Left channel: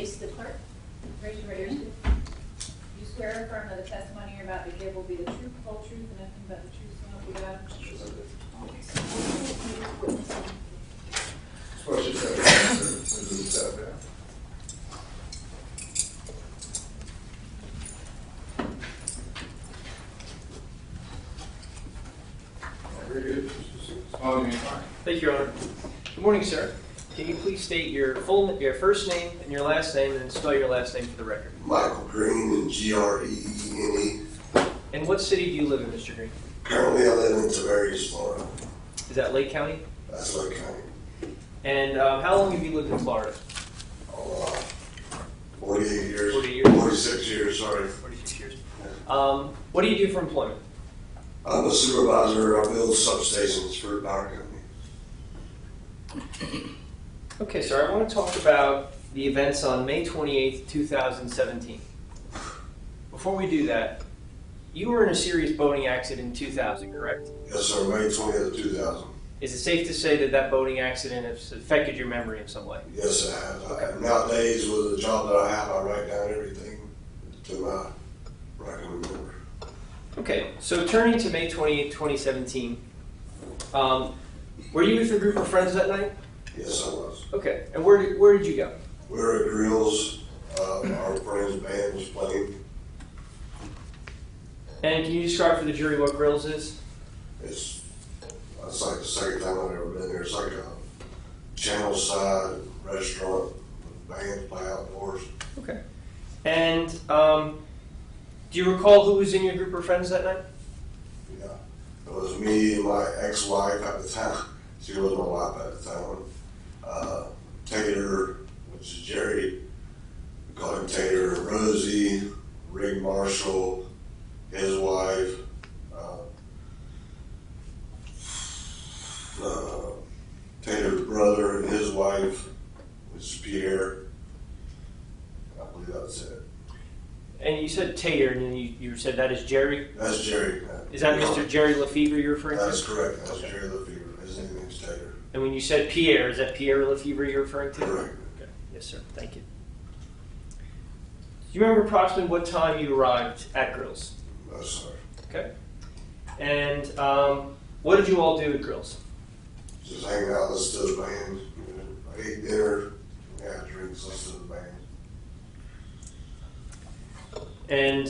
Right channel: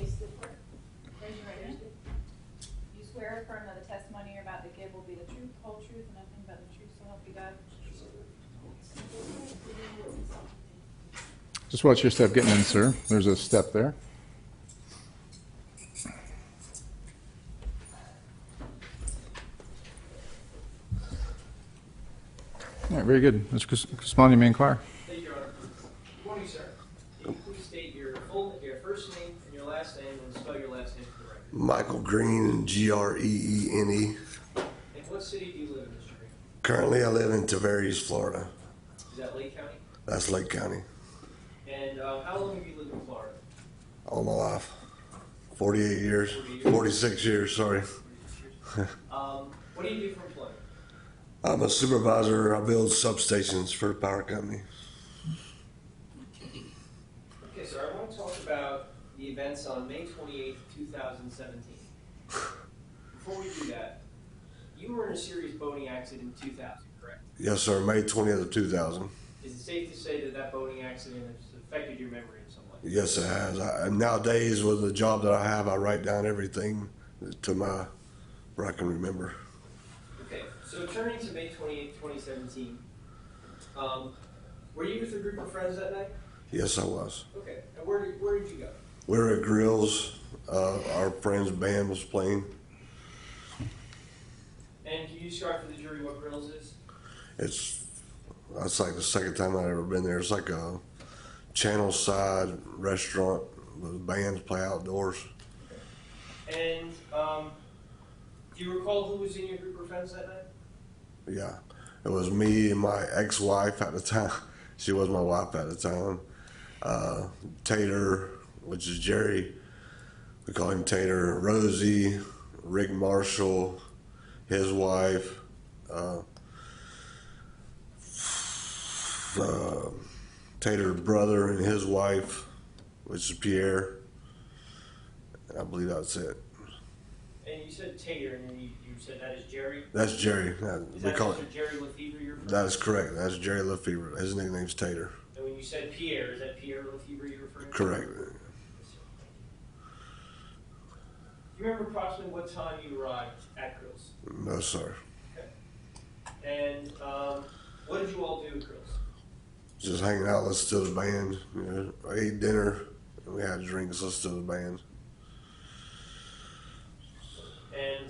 face the clerk. Raise your right hand. You swear or affirm that the testimony you're about to give will be the truth, whole truth, and nothing but the truth, so help you God? Just watch your step getting in, sir. There's a step there. All right, very good. Mr. Cusmani, may I inquire? Thank you, Your Honor. Good morning, sir. Can you please state your first name and your last name, and then spell your last name for the record? Michael Greene, Greene. And what city do you live in, Mr. Greene? Currently, I live in Tavares, Florida. Is that Lake County? That's Lake County. And how long have you lived in Florida? All my life. 48 years. 40 years? 46 years, sorry. 46 years. What do you do for employment? I'm a supervisor. I build substations for the power company. Okay, sir, I want to talk about the events on May 28th, 2017. Before we do that, you were in a serious boating accident in 2000, correct? Yes, sir. May 20th of 2000. Is it safe to say that that boating accident has affected your memory in some way? Yes, it has. And nowadays, with the job that I have, I write down everything where I can remember. Okay, so turning to May 28th, 2017, were you with a group of friends that night? Yes, I was. Okay, and where did you go? We were at Grills. Our friend's band was playing. And can you describe for the jury what Grills is? That's like the second time I've ever been there. It's like a channel side restaurant with bands play outdoors. Okay. And do you recall who was in your group of friends that night? Yeah, it was me and my ex-wife at the time. She was my wife at the time. Tater, which is Jerry, we call him Tater. Rosie, Rick Marshall, his wife, Tater's brother and his wife, which is Pierre. I believe that's it. And you said Tater, and then you said that is Jerry? That's Jerry. Is that Mr. Jerry Lefevre you're referring to? That's correct. That's Jerry Lefevre. His nickname's Tater. And when you said Pierre, is that Pierre Lefevre you're referring to? Correct. Okay. Yes, sir. Thank you. Do you remember approximately what time you arrived at Grills? No, sir. Okay. And what did you all do at Grills? Just hanging out, listen to the band. You know, I ate dinner, and we had drinks, listen to the band. And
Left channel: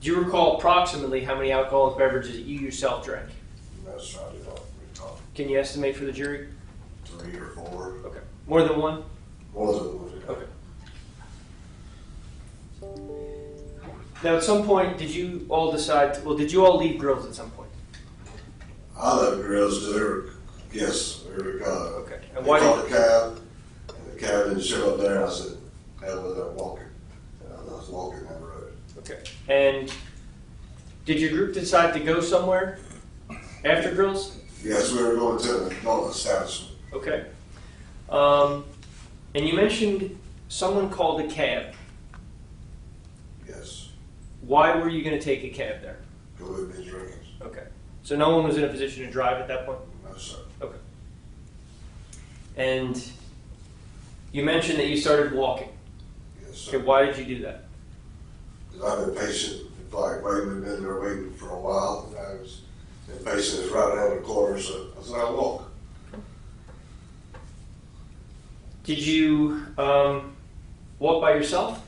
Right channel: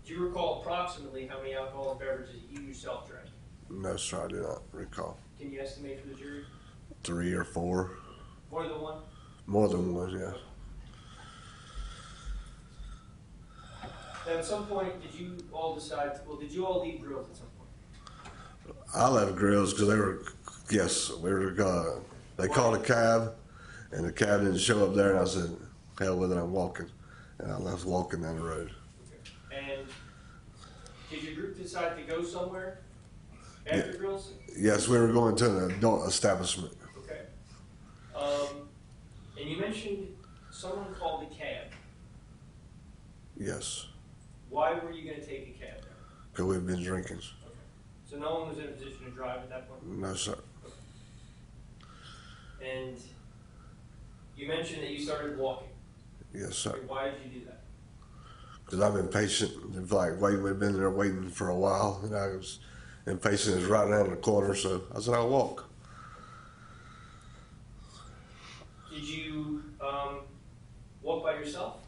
do you recall approximately how many alcoholic beverages you yourself drank? No, sir, I do not recall. Can you estimate for the jury? 3 or 4. Okay. More than one? More than one, yeah. Okay. Now, at some point, did you all decide, did you all leave Grills at some point? I left Grills because we were Okay. they called a cab, and the cab didn't show up there, and I said, hell with it, I'm walking. And I was walking down the road. Okay. And did your group decide to go somewhere after Grills? Yes, we were going to an adult establishment. Okay. And you mentioned someone called a cab. Yes, Why were you going to take a cab there? because we've been drinking. Okay. So no one was in a position to drive at that point? No, sir. Okay. And you mentioned that you started walking. Yes, sir. Okay, why did you do that? Because I'm impatient. It's like we've been there waiting for a while, and I was impatient. It's right down the corner, so I said I'll walk. Did you walk by yourself?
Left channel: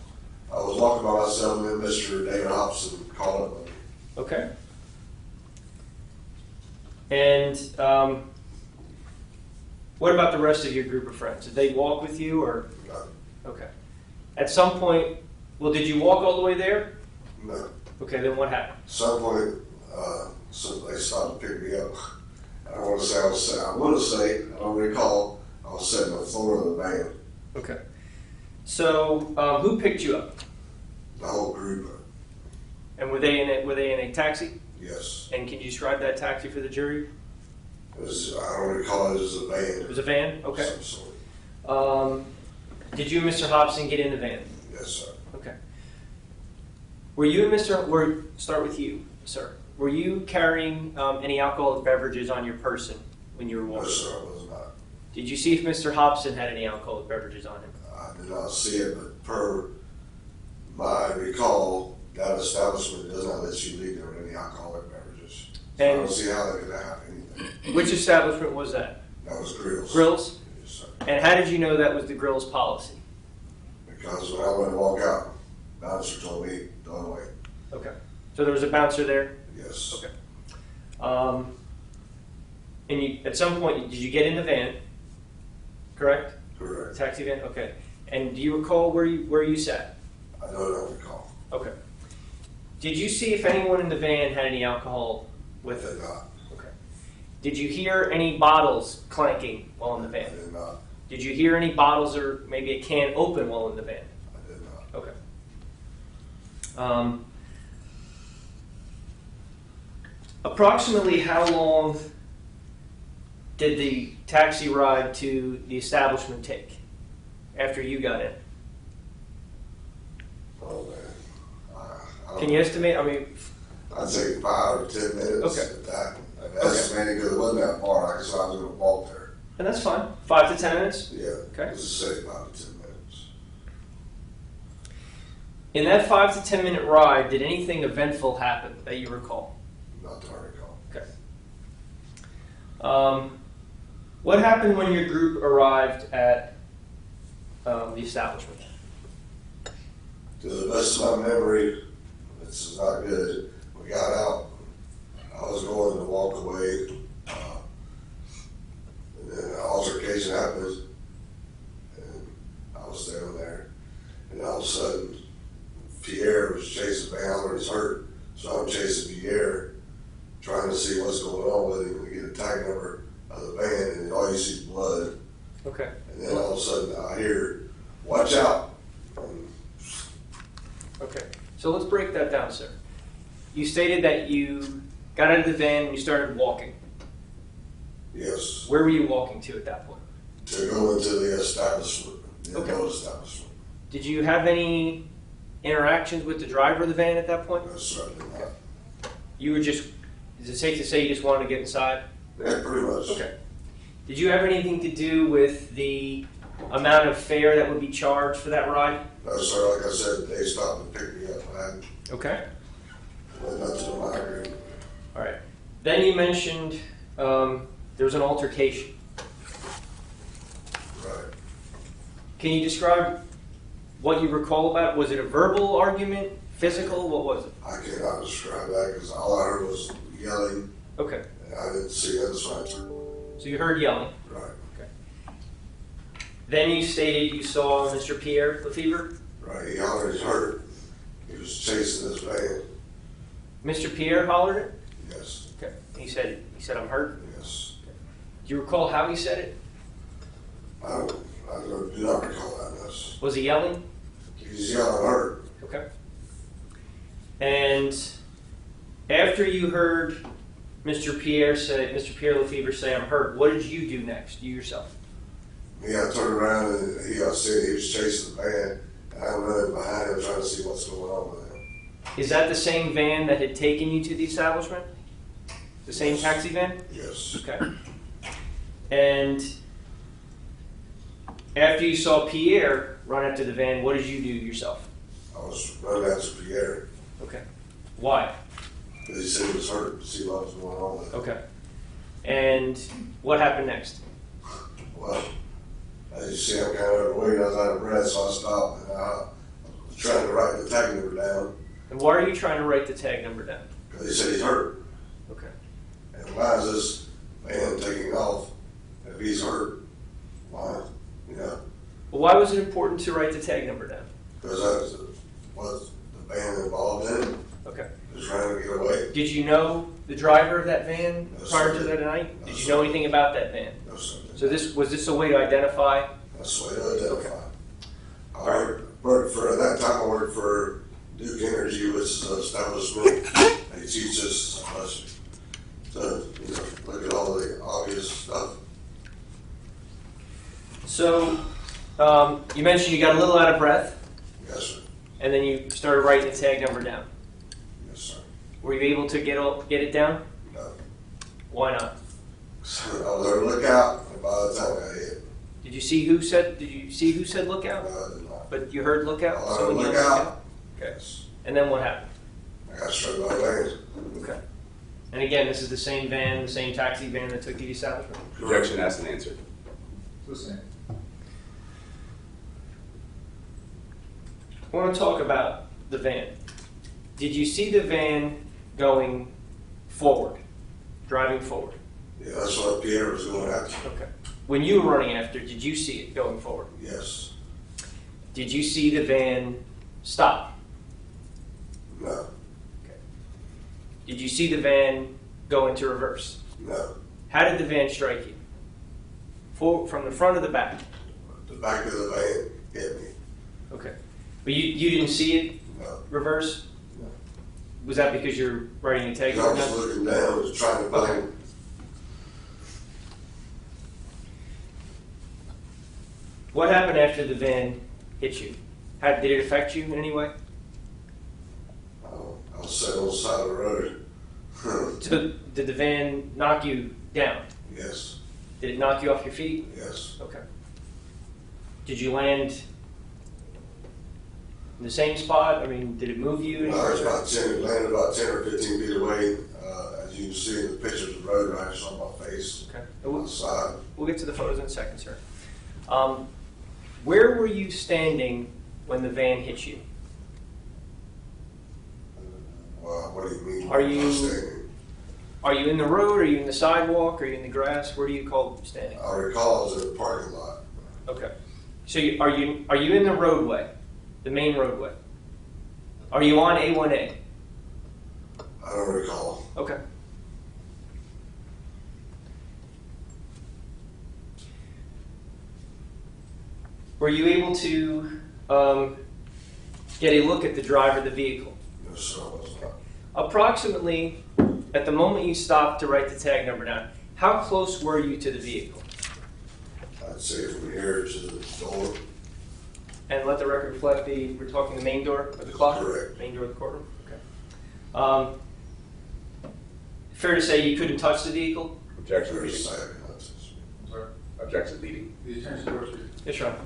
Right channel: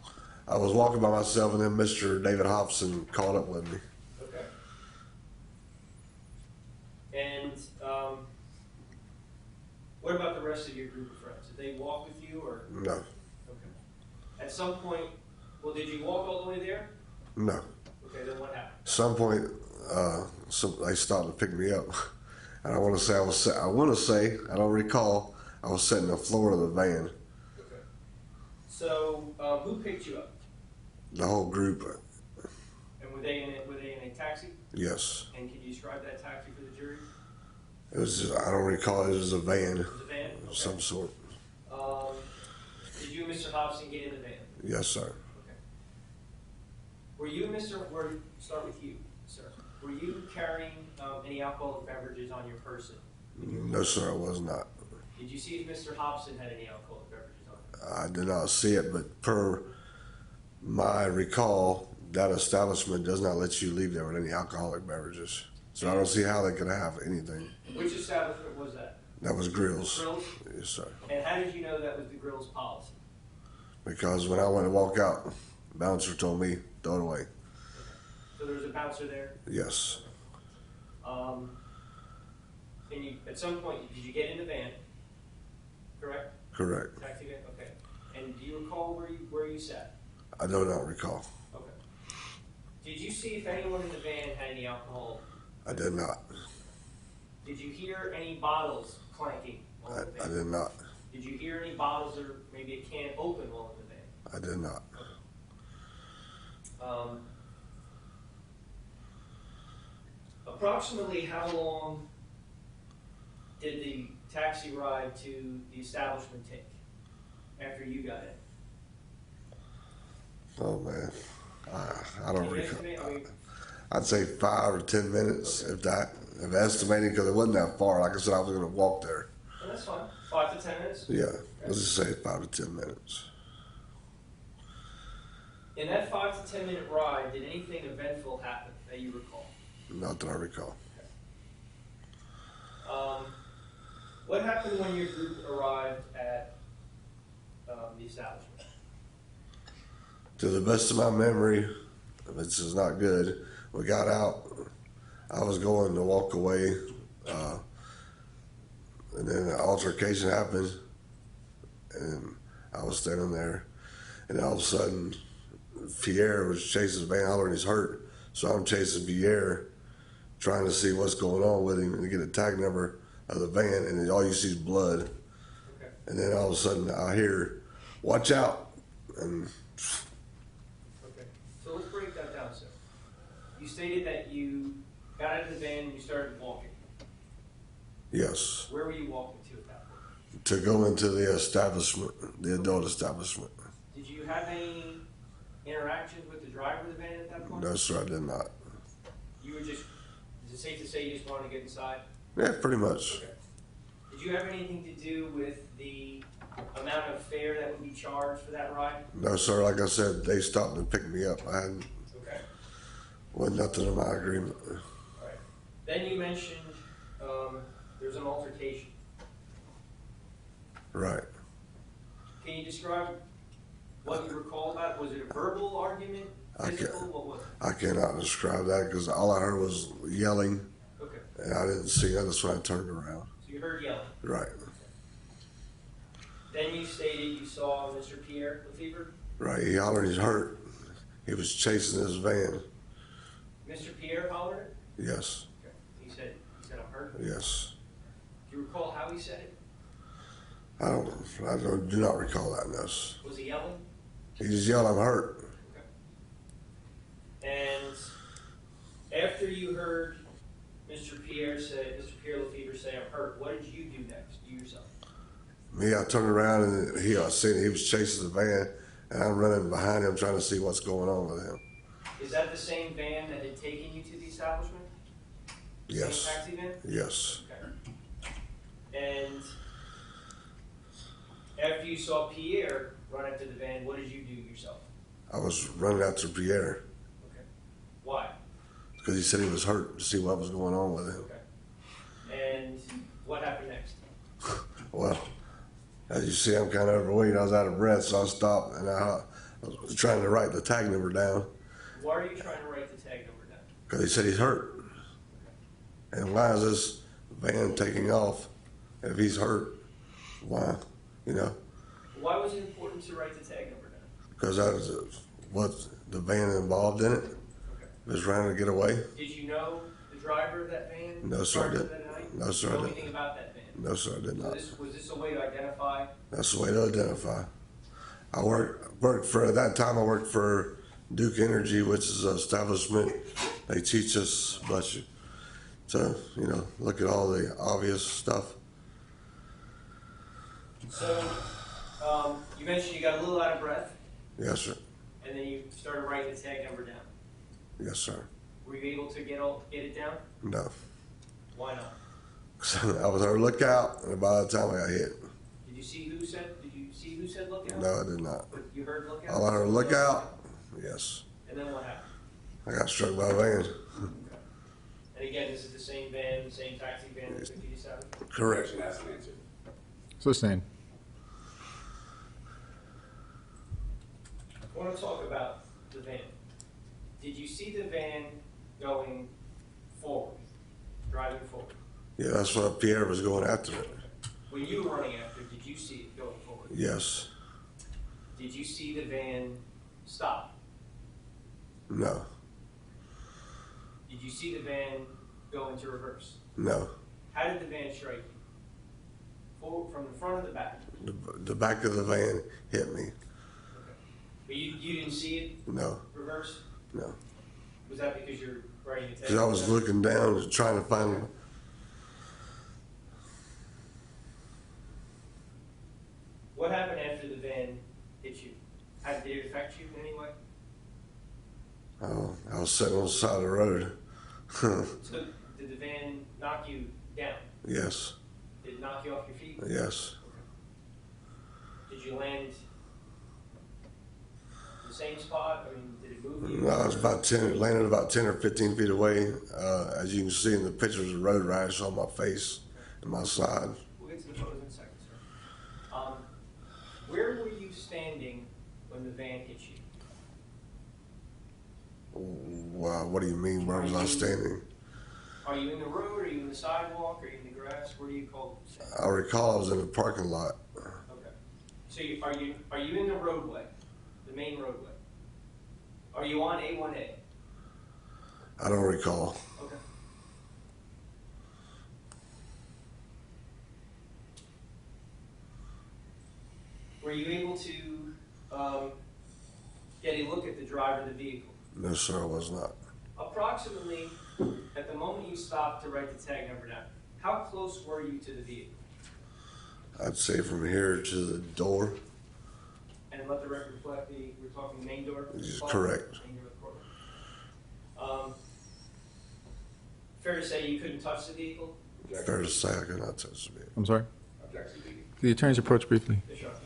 I was walking by myself, and then Mr. David Hobson called up with me. Okay. And what about the rest of your group of friends? Did they walk with you, or? No, Okay. At some point, did you walk all the way there? no. Okay, then what happened? At some point, they stopped to pick me up, and I want to say, I don't recall, I was sitting on the floor of the van. Okay. So, who picked you up? The whole group. And were they in a taxi? Yes. And can you describe that taxi for the jury? It was. I don't recall. It was a van. It was a van? Okay. Of some sort. Did you and Mr. Hobson get in the van? Yes, sir. Okay. Start with you, sir. Were you carrying any alcoholic beverages on your person when you were walking? No, sir, I was not. Did you see if Mr. Hobson had any alcoholic beverages on him? I did not see it, but per my recall, that establishment does not let you leave there with any alcoholic beverages. So I don't see how they could have anything. Which establishment was that? That was Grills. Grills? Yes, sir. And how did you know that was the Grills policy? Because when I went to walk out, the bouncer told me, throw it away. Okay. So there was a bouncer there? Yes. Okay. And you, at some point, did you get in the van? Correct? Correct. Taxi van? Okay. And do you recall where you sat? I do not recall. Okay. Did you see if anyone in the van had any alcohol I with did them? not. Okay. Did you hear any bottles clanking while in the I van? did not. Did you hear any bottles or maybe a can open while in the van? I did not. Okay. Approximately how long did the taxi ride to the establishment take after you got in? Oh man, I don't Can know. you estimate? I mean, I'd say 5 or 10 minutes, Okay. if that. I've estimated because it wasn't that far. Like I said, I was going to walk there. and that's fine. 5 to 10 minutes. Yeah. Okay. Let's just say 5 to 10 minutes. In that 5 to 10 minute ride, did anything eventful happen that you recall? Not that I recall. Okay. What happened when your group arrived at the establishment? To the best of my memory, which is not good, we got out. I was going to walk away, and then an altercation happened, and I was standing there, and all of a sudden, Pierre was chasing the van. I was hurt, so I'm chasing Pierre, trying to see what's going on with him and to get a tag number of the van, and all you see is blood. Okay. And then all of a sudden, I hear, "Watch out!" And Okay. So let's break that down, sir. You stated that you got out of the van and you started walking. yes, Where were you walking to at that point? to go into the establishment, the Okay. adult establishment. Did you have any interactions with the driver of the van at that point? No, sir, I did not. You were just, is it safe to say you just wanted to get inside? Yeah, pretty much. Okay. Did you have anything to do with the amount of fare that would be charged for that ride? No, sir, like I said, they stopped and picked me up. I had Okay. nothing in my agreement. All right. Then you mentioned there was an altercation. Right. Can you describe what you recall about it? Was it a verbal argument, physical? What was it? I cannot describe that because all I heard was yelling, Okay. and I didn't see others when I turned around. So you heard yelling. Right. Then you stated you saw Mr. Pierre Lefevre. Right. He already hurt. He was chasing his van. Mr. Pierre hollered it. Yes. Okay. He said, I'm hurt. Yes. Do you recall how he said it? I do not recall that, miss. Was he yelling? He's yelling hurt. Okay. And after you heard Mr. Pierre Lefevre say, I'm hurt, what did you do next, you yourself? Me, I turned around and I seen he was chasing the van, and I'm running behind him trying to see what's going on with him. Is that the same van that had taken you to the establishment? The same Yes. taxi van? Yes. Okay. And after you saw Pierre run up to the van, what did you do yourself? I was running after Pierre Okay. Why? because he said he was hurt to see what was going on with him. Okay. And what happened next? Well, as you see, I'm kind of overweight. I was out of breath, so I stopped and I was trying to write the tag number down And why are you trying to write the tag number down? because he said he's hurt. Okay. And why is this van taking off if he's hurt? Why? You know, Well, why was it important to write the tag number down? because that was the van involved in it. Okay. Was trying to get away. Did you know the driver of that van No, prior sir. to that night? No, Did you sir. know anything about that van? No, sir, I didn't. So was this a way to identify? That's the way to identify. I worked for, at that time I worked for Duke Energy, which is an establishment. They teach us, bless you, to, look at all the obvious stuff. So you mentioned you got a little out of breath, Yes, sir. and then you started writing the tag number down. Yes, sir. Were you able to get it down? No. Why not? So I was on the lookout, and by the time I got hit, Did you see who said lookout? no, I did not. But you heard lookout? I was on the Someone yelled lookout. Okay. Yes. And then what happened? I got struck by a van. Okay. And again, this is the same van, the same taxi van that took you to South? Correction, that's an answer. Sustained. I want to talk about the van. Did you see the van going forward, driving forward? Yeah, that's what Pierre was going after. Okay. When you were running after, did you see it going forward? Yes. Did you see the van stop? No. Did you see the van go into reverse? No. How did the van strike you? From the front or the back? The back of the van hit me. Okay. But you didn't see it No. reverse? No. Was that because you're writing a tag? I was looking down, was trying to find him. What happened after the van hit you? Did it affect you in any way? Oh, I was sitting on the side of the road. So did the van knock you down? Yes. Did it knock you off your feet? Yes. Okay. Did you land in the same spot? I mean, did it move you? I was about 10, it landed about 10 or 15 feet away. As you can see in the pictures of the road rash on my face Okay. and my side. We'll get to the photos in a second, sir. Where were you standing when the van hit you? Wow, what do you mean? Are Where was I you- standing? Are you in the road? Are you in the sidewalk? Are you in the grass? Where do you call standing? I recall I was in the parking lot. Okay. So are you in the roadway, the main roadway? Are you on A1A? I don't recall. Okay. Were you able to get a look at the driver of the vehicle? No, sir, I was not. Approximately, at the moment you stopped to write the tag number down, how close were you to the vehicle? I'd say from here to the door. And let the record reflect we're talking the main door of the clock? Correct. Main door of the courtroom? Okay. Fair to say you couldn't touch the vehicle? Objection There's a leading. second, I touched me. I'm sorry? Objection leading. The attorneys approach briefly. Yes, Your Honor.